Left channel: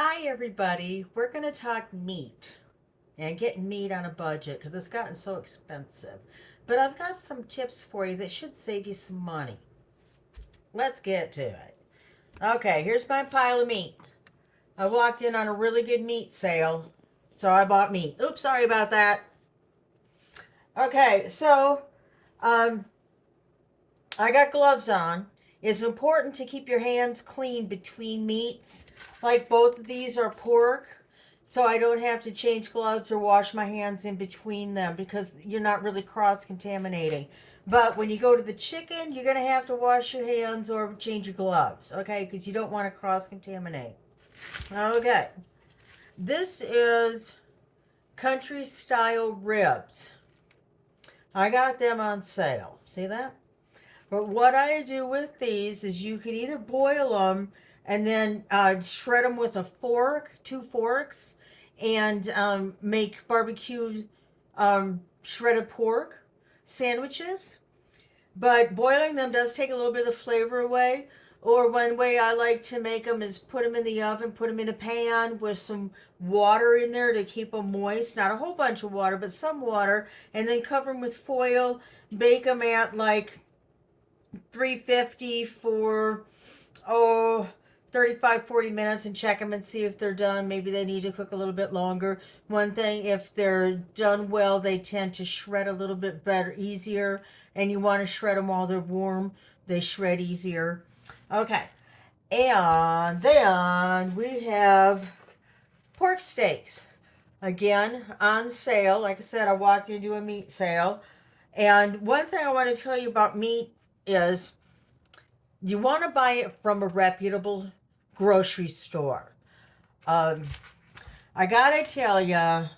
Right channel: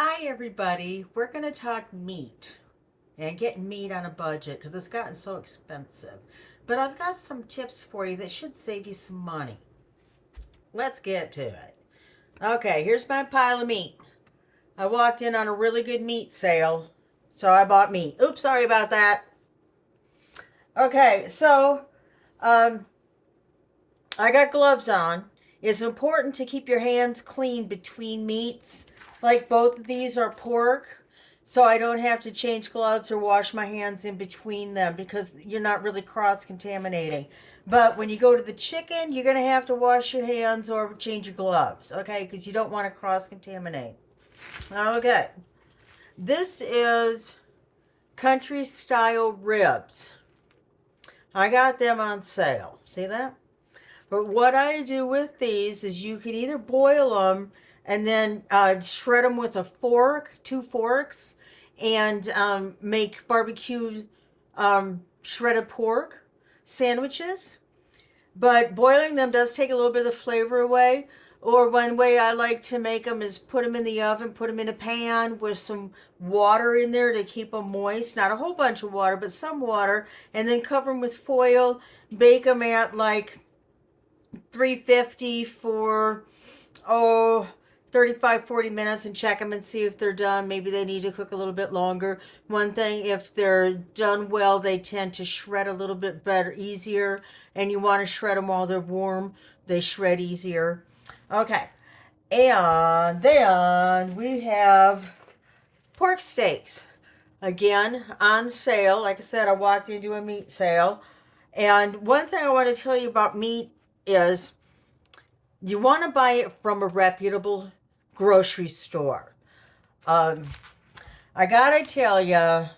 Hi, everybody. We're going to talk meat and getting meat on a budget because it's gotten so expensive. But I've got some tips for you that should save you some money. Let's get to it. Okay, here's my pile of meat. I walked in on a really good meat sale, so I bought meat. Oops, sorry about that. Okay, so um, I got gloves on. It's important to keep your hands clean between meats. Like both of these are pork, so I don't have to change gloves or wash my hands in between them because you're not really cross contaminating. But when you go to the chicken, you're going to have to wash your hands or change your gloves, okay? Because you don't want to cross contaminate. Okay. This is country style ribs. I got them on sale. See that? But what I do with these is you can either boil them and then shred them with a fork, two forks, and make barbecue shredded pork sandwiches. But boiling them does take a little bit of the flavor away. Or one way I like to make them is put them in the oven, put them in a pan with some water in there to keep them moist. Not a whole bunch of water, but some water. And then cover them with foil. Bake them at like 350 for oh 35-40 minutes and check them and see if they're done. Maybe they need to cook a little bit longer. One thing, if they're done well, they tend to shred a little bit better, easier, and you want to shred them while they're warm. They shred easier. Okay, and then we have pork steaks, again on sale. Like I said, I walked into a meat sale, and one thing I want to tell you about meat is you want to buy it from a reputable grocery store. Um, I gotta tell you,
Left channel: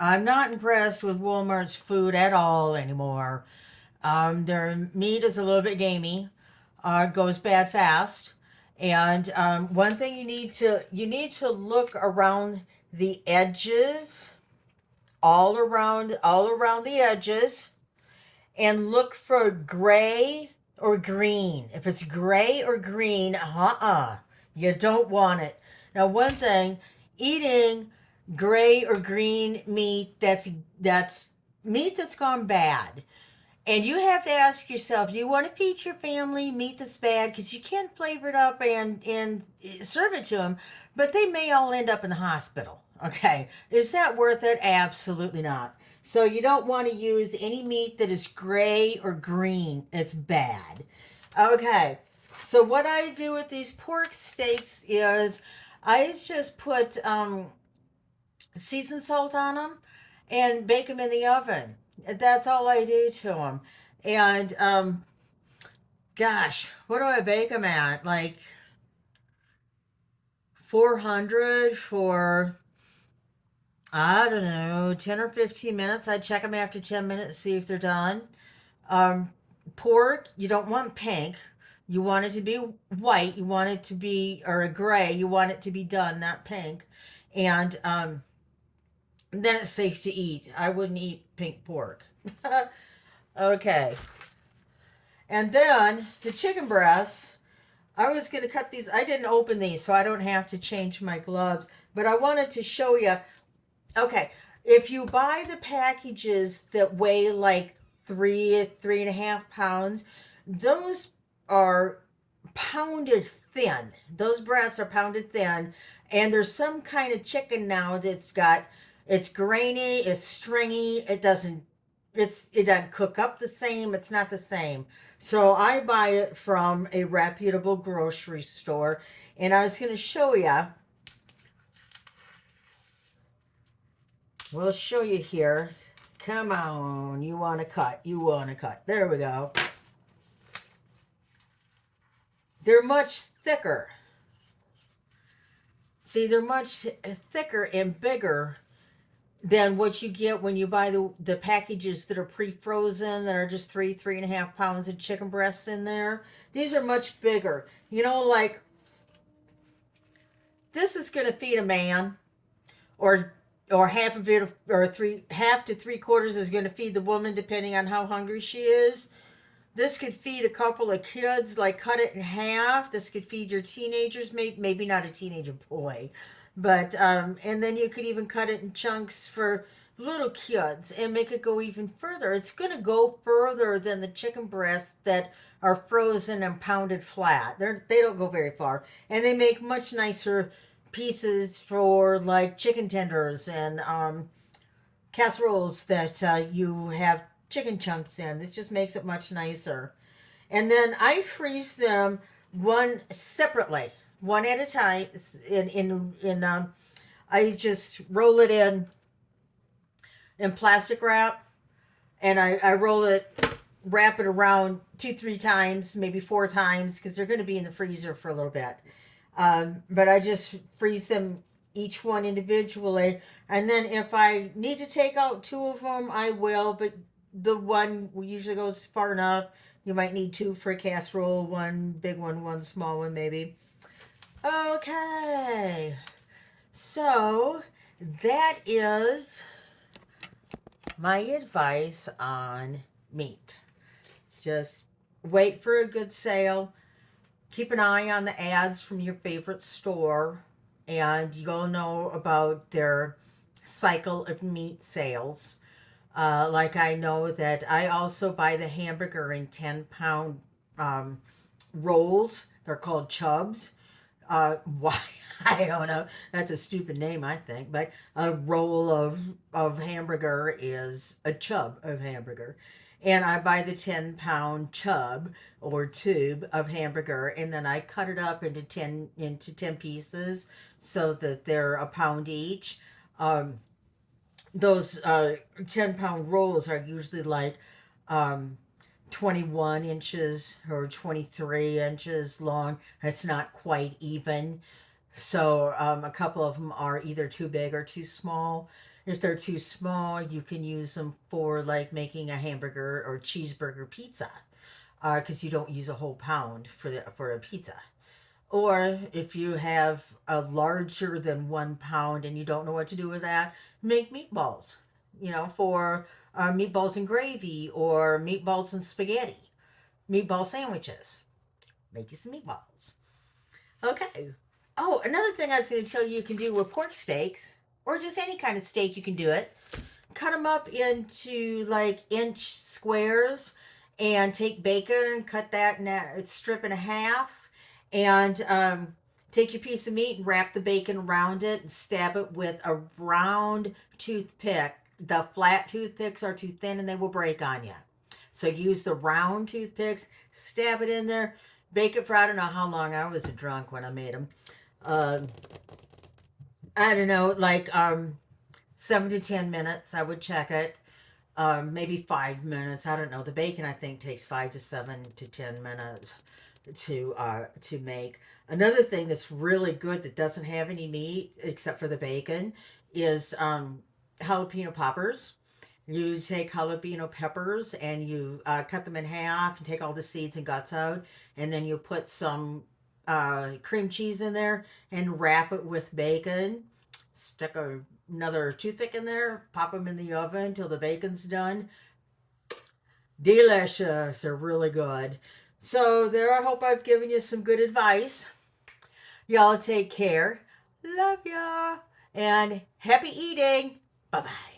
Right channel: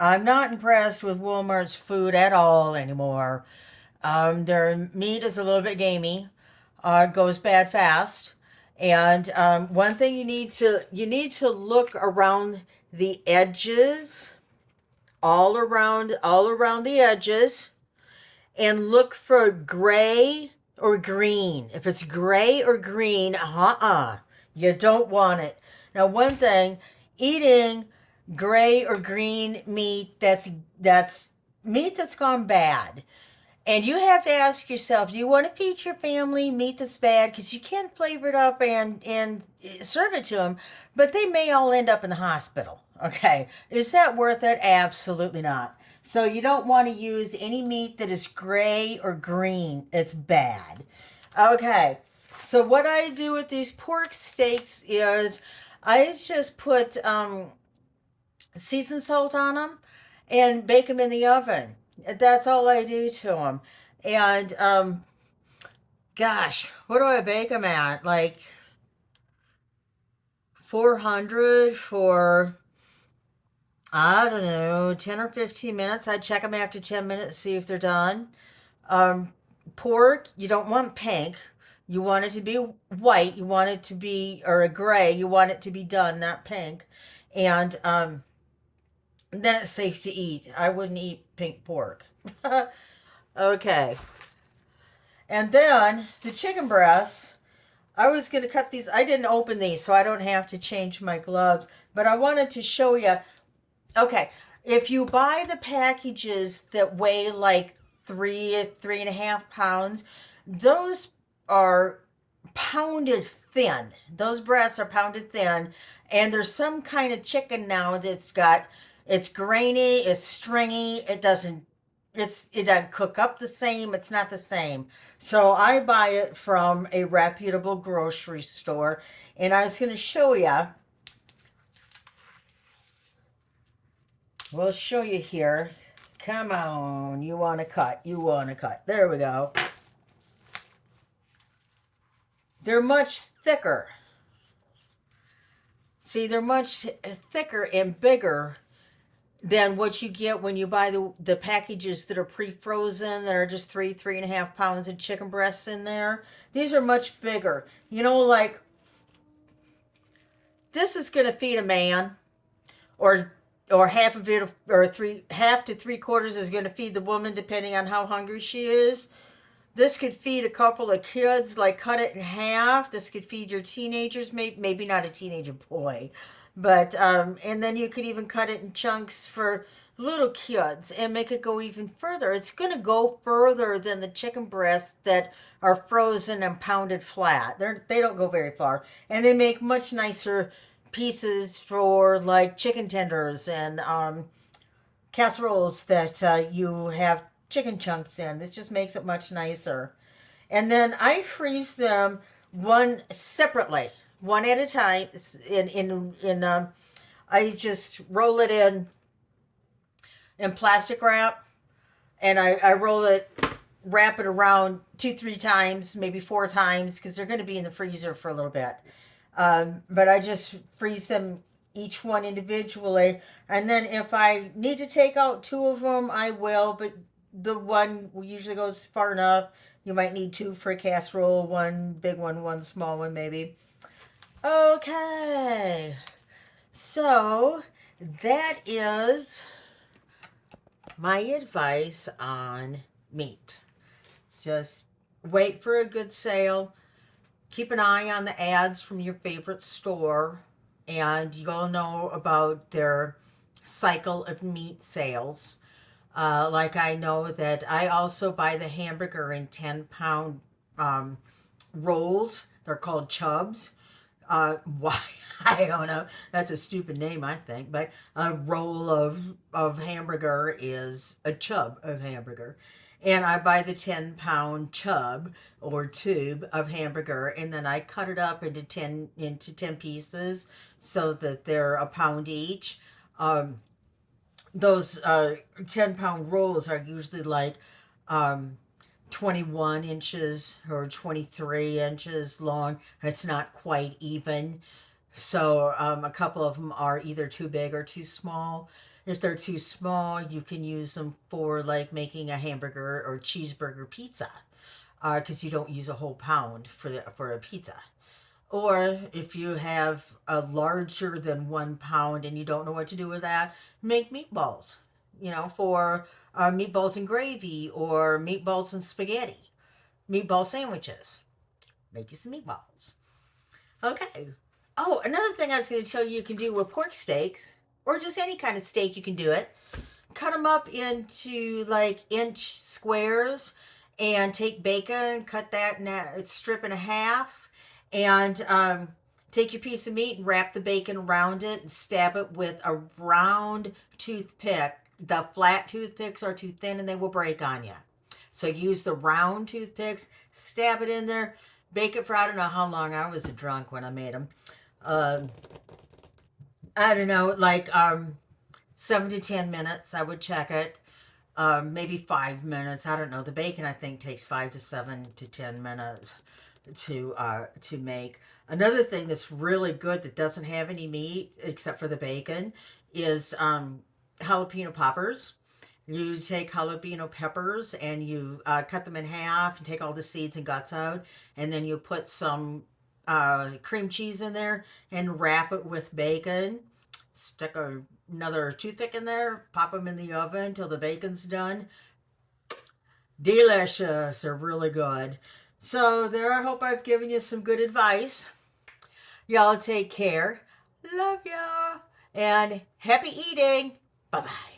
I'm not impressed with Walmart's food at all anymore. Their meat is a little bit gamey. It goes bad fast. And one thing you need to look around the edges, all around the edges, and look for gray or green. If it's gray or green, you don't want it. Now, one thing, eating gray or green meat, that's meat that's gone bad. And you have to ask yourself, do you want to feed your family meat that's bad? Because you can flavor it up and serve it to them, but they may all end up in the hospital. Okay. Is that worth it? Absolutely not. So you don't want to use any meat that is gray or green. It's bad. Okay. So what I do with these pork steaks is I just put seasoned salt on them and bake them in the oven. That's all I do to them. And gosh, what do I bake them at? Like 400 for, I don't know, 10 or 15 minutes. I check them after 10 minutes, see if they're done. Um, Pork, you don't want pink. You want it to be white. You want it to be, or a gray. You want it to be done, not pink. And then it's safe to eat. I wouldn't eat pink pork. Okay. And then the chicken breasts, I was going to cut these. I didn't open these, so I don't have to change my gloves. But I wanted to show you. Okay, if you buy the packages that weigh like 3.5 pounds, those are pounded thin. Those breasts are pounded thin. And there's some kind of chicken now it's grainy, it's stringy, it doesn't cook up the same, it's not the same. So I buy it from a reputable grocery store, and I was going to show you. We'll show you here. Come on, you want to cut, you want to cut. There we go. They're much thicker. See, they're much thicker and bigger than what you get when you buy the packages that are pre-frozen, that are just 3.5 pounds of chicken breasts in there. These are much bigger. Like this is going to feed a man, or half of it, or half to three quarters is going to feed the woman, depending on how hungry she is. This could feed a couple of kids. Like, cut it in half. This could feed your teenagers, maybe not a teenager boy, But and then you could even cut it in chunks for little kids and make it go even further. It's going to go further than the chicken breasts that are frozen and pounded flat. They don't go very far, and they make much nicer pieces for like chicken tenders and casseroles that you have chicken chunks in. This just makes it much nicer. And then I freeze them one separately, one at a time. I just roll it in plastic wrap, and I roll it, wrap it around 2, 3 times, maybe 4 times, because they're going to be in the freezer for a little bit. But I just freeze them each one individually, and then if I need to take out two of them, I will. But the one usually goes far enough. You might need two for a casserole, one big one small one, maybe. Okay, so that is my advice on meat. Just wait for a good sale. Keep an eye on the ads from your favorite store, and you'll know about their cycle of meat sales. Like I know that I also buy the hamburger in 10-pound rolls. They're called chubs. Why? I don't know. That's a stupid name, I think. But a roll of hamburger is a chub of hamburger. And I buy the 10-pound chub or tube of hamburger, and then I cut it up into ten pieces so that they're a pound each. Um, those 10-pound rolls are usually like um, 21 inches or 23 inches long. It's not quite even. So a couple of them are either too big or too small. If they're too small, you can use them for like making a hamburger or cheeseburger pizza, because you don't use a whole pound for a pizza. Or if you have a larger than 1 pound and you don't know what to do with that, make meatballs, for meatballs and gravy or meatballs and spaghetti, meatball sandwiches. Make you some meatballs. Okay. Oh, another thing I was going to tell you, you can do with pork steaks, or just any kind of steak, you can do it. Cut them up into like inch squares, and take bacon, cut that in a strip and a half, and take your piece of meat and wrap the bacon around it and stab it with a round toothpick. The flat toothpicks are too thin and they will break on you. So use the round toothpicks, stab it in there, bake it for, I don't know how long. I was drunk when I made them. Uh, I don't know, like 7 to 10 minutes. I would check it. Maybe 5 minutes. I don't know. The bacon, I think, takes 5 to 7 to 10 minutes to make. Another thing that's really good that doesn't have any meat except for the bacon is jalapeno poppers. You take jalapeno peppers and you cut them in half and take all the seeds and guts out, and then you put some cream cheese in there and wrap it with bacon. Stick another toothpick in there, pop them in the oven till the bacon's done. Delicious. They're really good. So, there, I hope I've given you some good advice. Y'all take care. Love ya. And happy eating. Bye bye.